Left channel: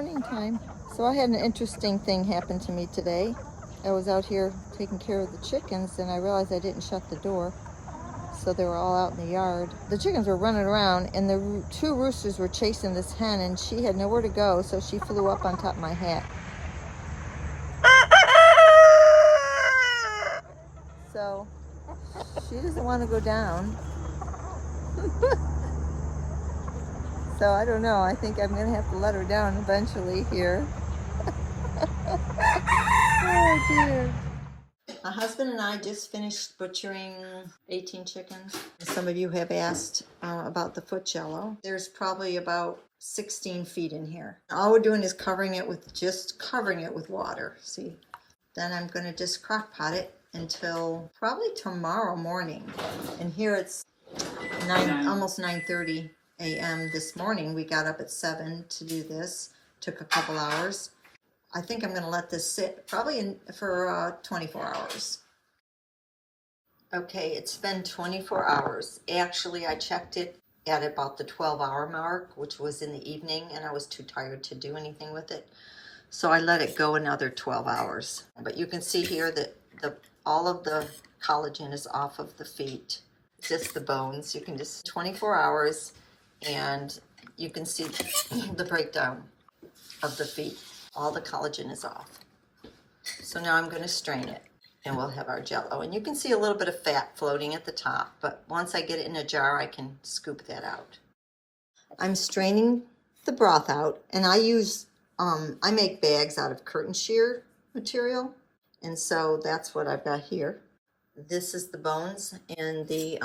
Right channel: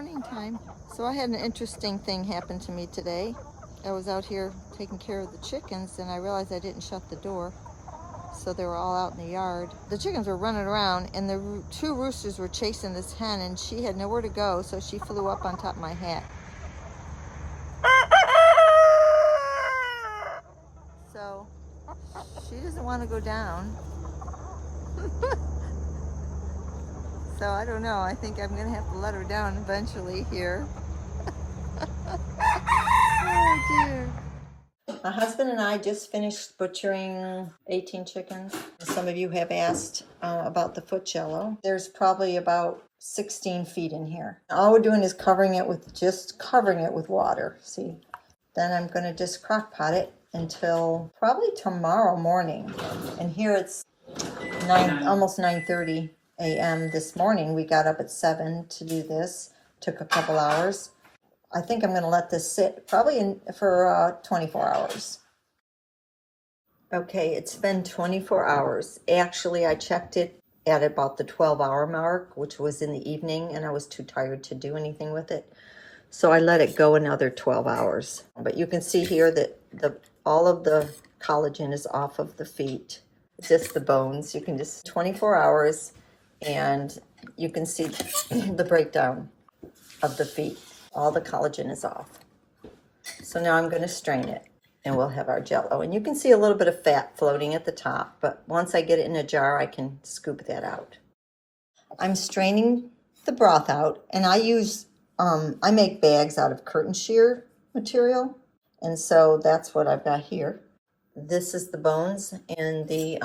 morning time. So I had an interesting thing happen to me today. I was out here taking care of the chickens and I realized I didn't shut the door. So they were all out in the yard. The chickens were running around and the two roosters were chasing this hen and she had nowhere to go, so she flew up on top of my hat. So she doesn't want to go down. So I don't know, I think I'm gonna have to let her down eventually here. Oh dear. My husband and I just finished butchering 18 chickens. Some of you have asked about the foot jello. There's probably about 16 feet in here. All we're doing is covering it with water. See, then I'm gonna just crock pot it until probably tomorrow morning. And here it's almost 9:30 a.m. this morning. We got up at 7 to do this. Took a couple hours. I think I'm going to let this sit probably for 24 hours. Okay, it's been 24 hours. Actually, I checked it at about the 12-hour mark, which was in the evening, and I was too tired to do anything with it. So I let it go another 12 hours. But you can see here that all of the collagen is off of the feet, just the bones. You can just 24 hours, and you can see the breakdown of the feet. All the collagen is off. So now I'm going to strain it and we'll have our jello. And you can see a little bit of fat floating at the top, but once I get it in a jar, I can scoop that out. I'm straining the broth out, and I use, I make bags out of curtain shear material. And so that's what I've got here. This is the bones and the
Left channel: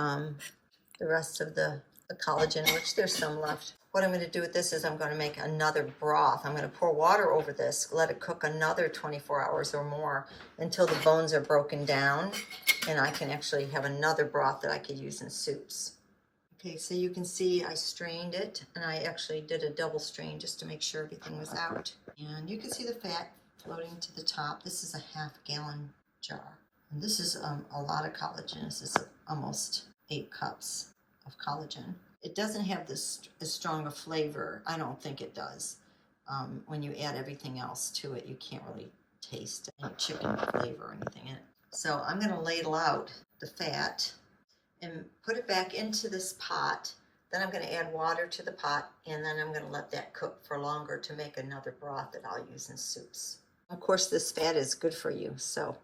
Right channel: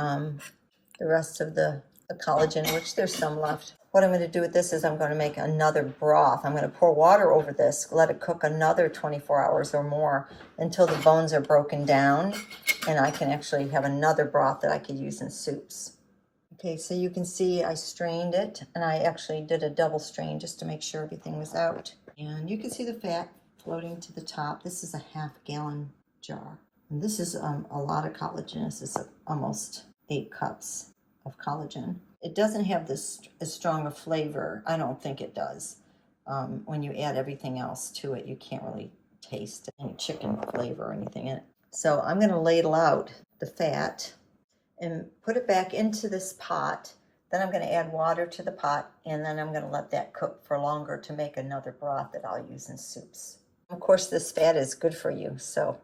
rest of the collagen, which there's some left. What I'm going to do with this is I'm going to make another broth. I'm going to pour water over this, let it cook another 24 hours or more until the bones are broken down, and I can actually have another broth that I could use in soups. Okay, so you can see I strained it, and I actually did a double strain just to make sure everything was out. And you can see the fat floating to the top. This is a half-gallon jar. And this is a lot of collagen. This is almost 8 cups of collagen. It doesn't have this as strong a flavor. I don't think it does. When you add everything else to it, you can't really taste any chicken flavor or anything in it. So I'm going to ladle out the fat and put it back into this pot. Then I'm going to add water to the pot, and then I'm going to let that cook for longer to make another broth that I'll use in soups. Of course, this fat is good for you, so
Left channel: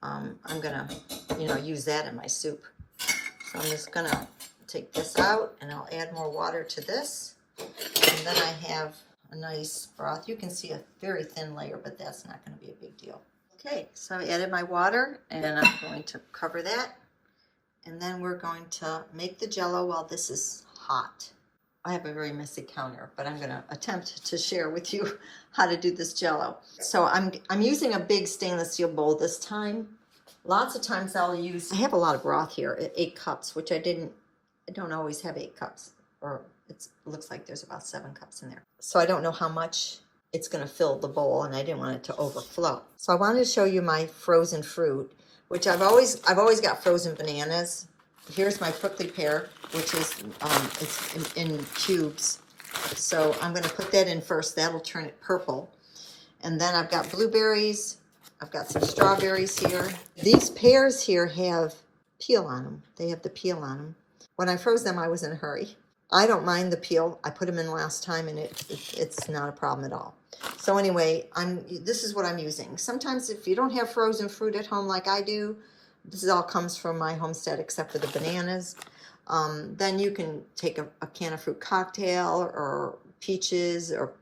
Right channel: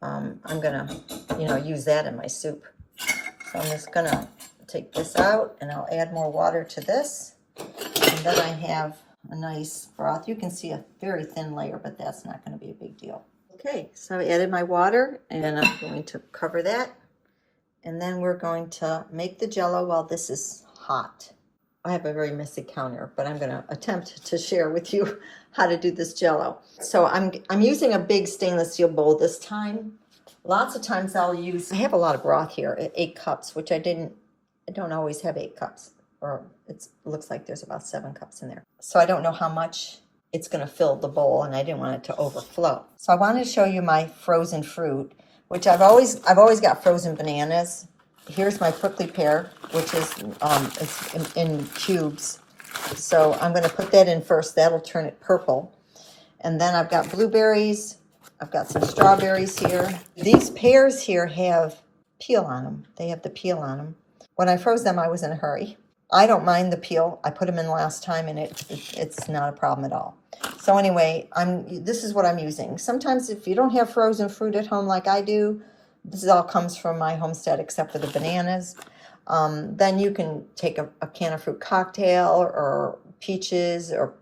I'm going to, use that in my soup. So I'm just going to take this out, and I'll add more water to this, and then I have a nice broth. You can see a very thin layer, but that's not going to be a big deal. Okay, so I added my water, and I'm going to cover that, and then we're going to make the jello while this is hot. I have a very messy counter, but I'm going to attempt to share with you how to do this jello. So I'm using a big stainless steel bowl this time. Lots of times I have a lot of broth here at 8 cups, which I don't always have 8 cups, or it looks like there's about 7 cups in there. So I don't know how much it's going to fill the bowl, and I didn't want it to overflow. So I wanted to show you my frozen fruit, which I've always got frozen bananas. Here's my prickly pear, which is it's in cubes. So I'm going to put that in first. That'll turn it purple. And then I've got blueberries. I've got some strawberries here. These pears here have peel on them. They have the peel on them. When I froze them, I was in a hurry. I don't mind the peel. I put them in last time, and it's not a problem at all. So anyway, this is what I'm using. Sometimes if you don't have frozen fruit at home like I do, this all comes from my homestead except for the bananas. Then you can take a can of fruit cocktail or peaches or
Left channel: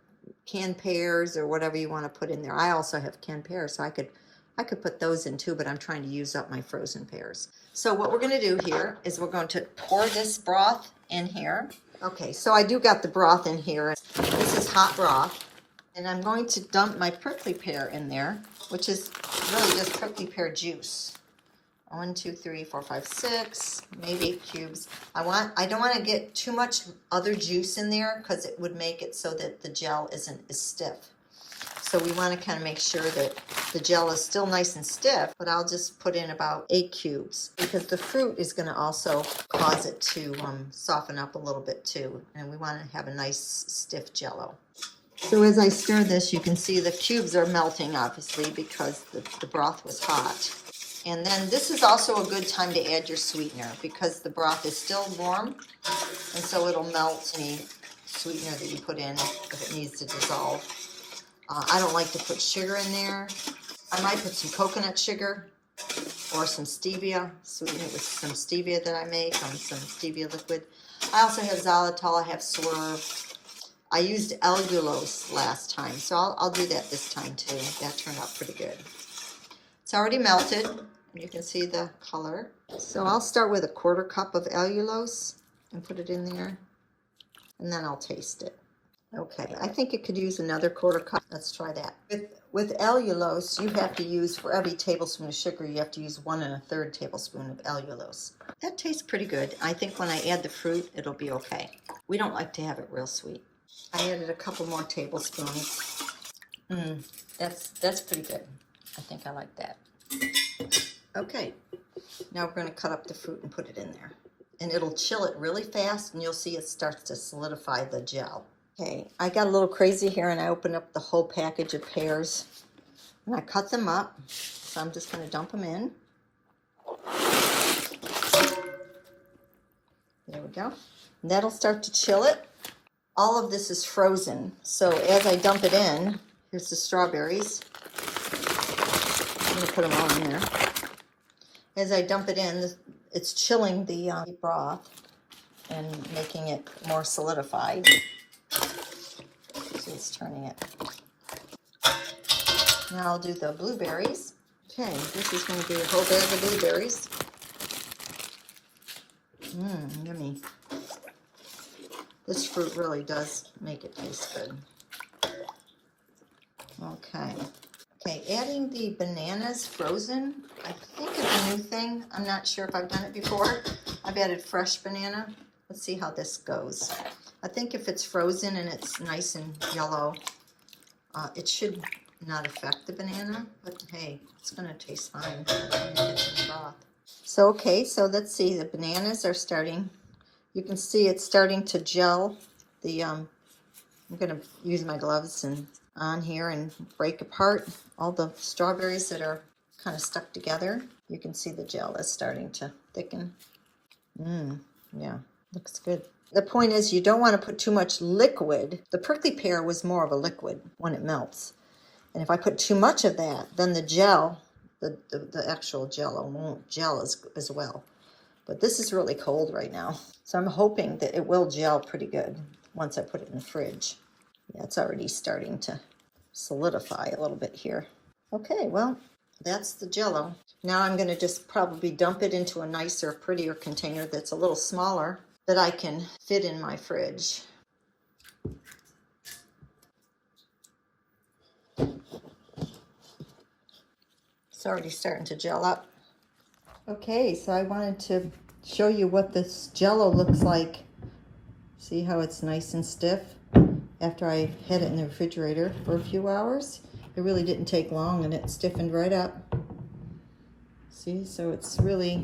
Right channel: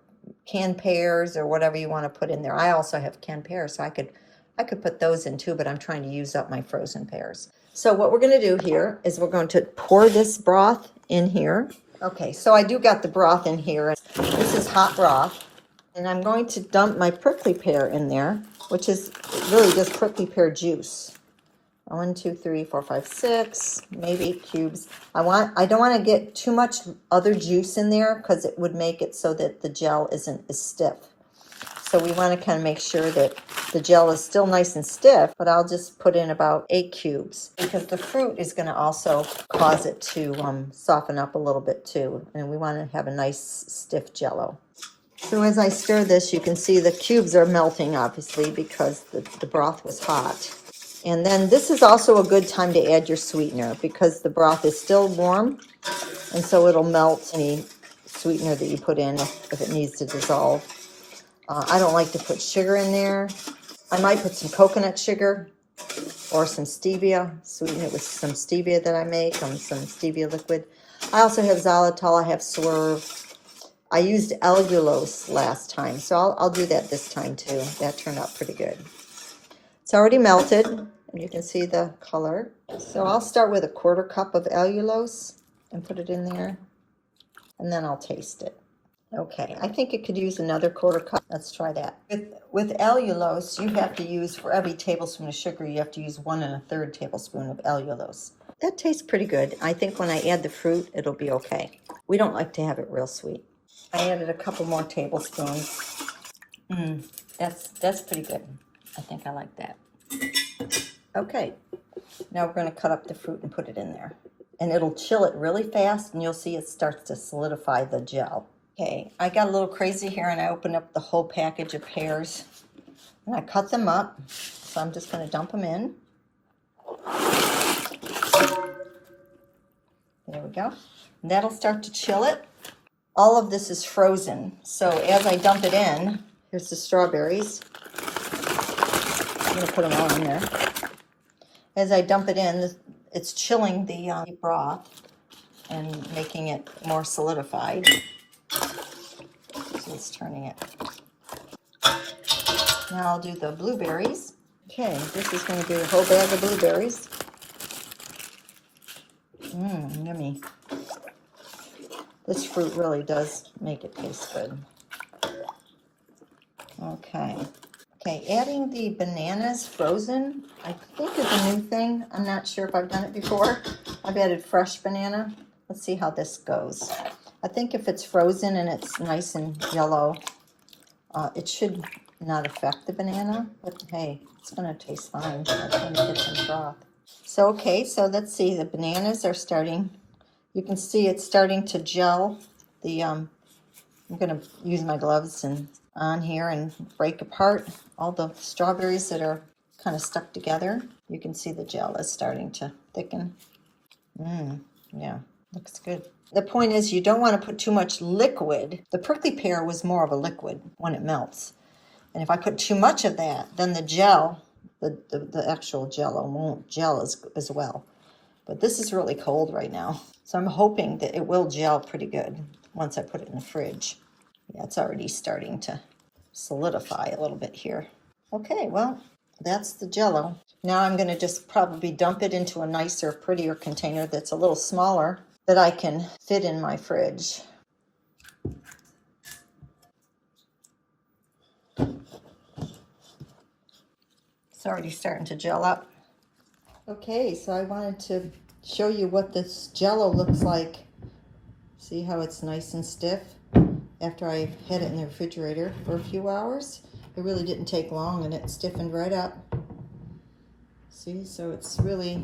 canned pears or whatever you want to put in there. I also have canned pears, so I could put those in too, but I'm trying to use up my frozen pears. So what we're going to do here is we're going to pour this broth in here. Okay, so I do got the broth in here. This is hot broth. And I'm going to dump my prickly pear in there, which is really just prickly pear juice. 1, 2, 3, 4, 5, 6, maybe 8 cubes. I don't want to get too much other juice in there because it would make it so that the gel isn't as stiff. So we want to kind of make sure that the gel is still nice and stiff, but I'll just put in about 8 cubes because the fruit is going to also cause it to soften up a little bit too. And we want to have a nice stiff jello. So as I stir this, you can see the cubes are melting, obviously, because the broth was hot. And then this is also a good time to add your sweetener because the broth is still warm, and so it'll melt any sweetener that you put in if it needs to dissolve. I don't like to put sugar in there. I might put some coconut sugar or some stevia, sweeten it with some stevia that I make, some stevia liquid. I also have xylitol, I have swerve. I used allulose last time, so I'll do that this time too. That turned out pretty good. It's already melted, and you can see the color. So I'll start with a 1/4 cup of allulose and put it in there, and then I'll taste it. Okay, I think it could use another 1/4 cup. Let's try that. With allulose, you have to use, for every tablespoon of sugar, you have to use 1 1/3 tablespoon of allulose. That tastes pretty good. I think when I add the fruit, it'll be okay. We don't like to have it real sweet. I added a couple more tablespoons. That's pretty good. I think I like that. Okay, now we're going to cut up the fruit and put it in there. And it'll chill it really fast, and you'll see it starts to solidify the gel. Okay, I got a little crazy here, and I opened up the whole package of pears. And I cut them up, so I'm just going to dump them in. There we go. And that'll start to chill it. All of this is frozen, so as I dump it in, here's the strawberries. I'm going to put them all in there. As I dump it in, it's chilling the broth and making it more solidified. So it's turning it. Now I'll do the blueberries. Okay, this is going to be a whole bag of blueberries. Yummy. This fruit really does make it taste good. Okay, adding the bananas frozen, I think is a new thing. I'm not sure if I've done it before. I've added fresh banana. Let's see how this goes. I think if it's frozen and it's nice and yellow, it should not affect the banana, but hey, it's gonna taste fine. I'm trying to get some broth. So, okay, so let's see, the bananas are starting. You can see it's starting to gel. I'm gonna use my gloves and on here and break apart all the strawberries that are kind of stuck together. You can see the gel is starting to thicken. Yeah, looks good. The point is you don't want to put too much liquid. The prickly pear was more of a liquid when it melts. And if I put too much of that, then the gel, the actual Jello won't gel as well. But this is really cold right now. So I'm hoping that it will gel pretty good once I put it in the fridge. Yeah, it's already starting to solidify a little bit here. Okay, well, that's the Jello. Now I'm going to just probably dump it into a nicer, prettier container that's a little smaller that I can fit in my fridge. It's already starting to gel up. Okay, so I wanted to show you what this Jello looks like. See how it's nice and stiff after I had it in the refrigerator for a few hours. It really didn't take long and it stiffened right up. See, so it's really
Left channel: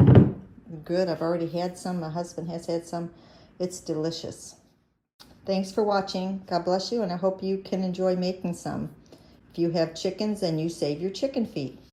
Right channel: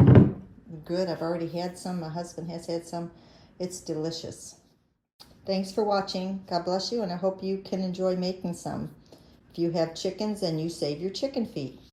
good. I've already had some. My husband has had some. It's delicious. Thanks for watching. God bless you, and I hope you can enjoy making some. If you have chickens, then you save your chicken feet.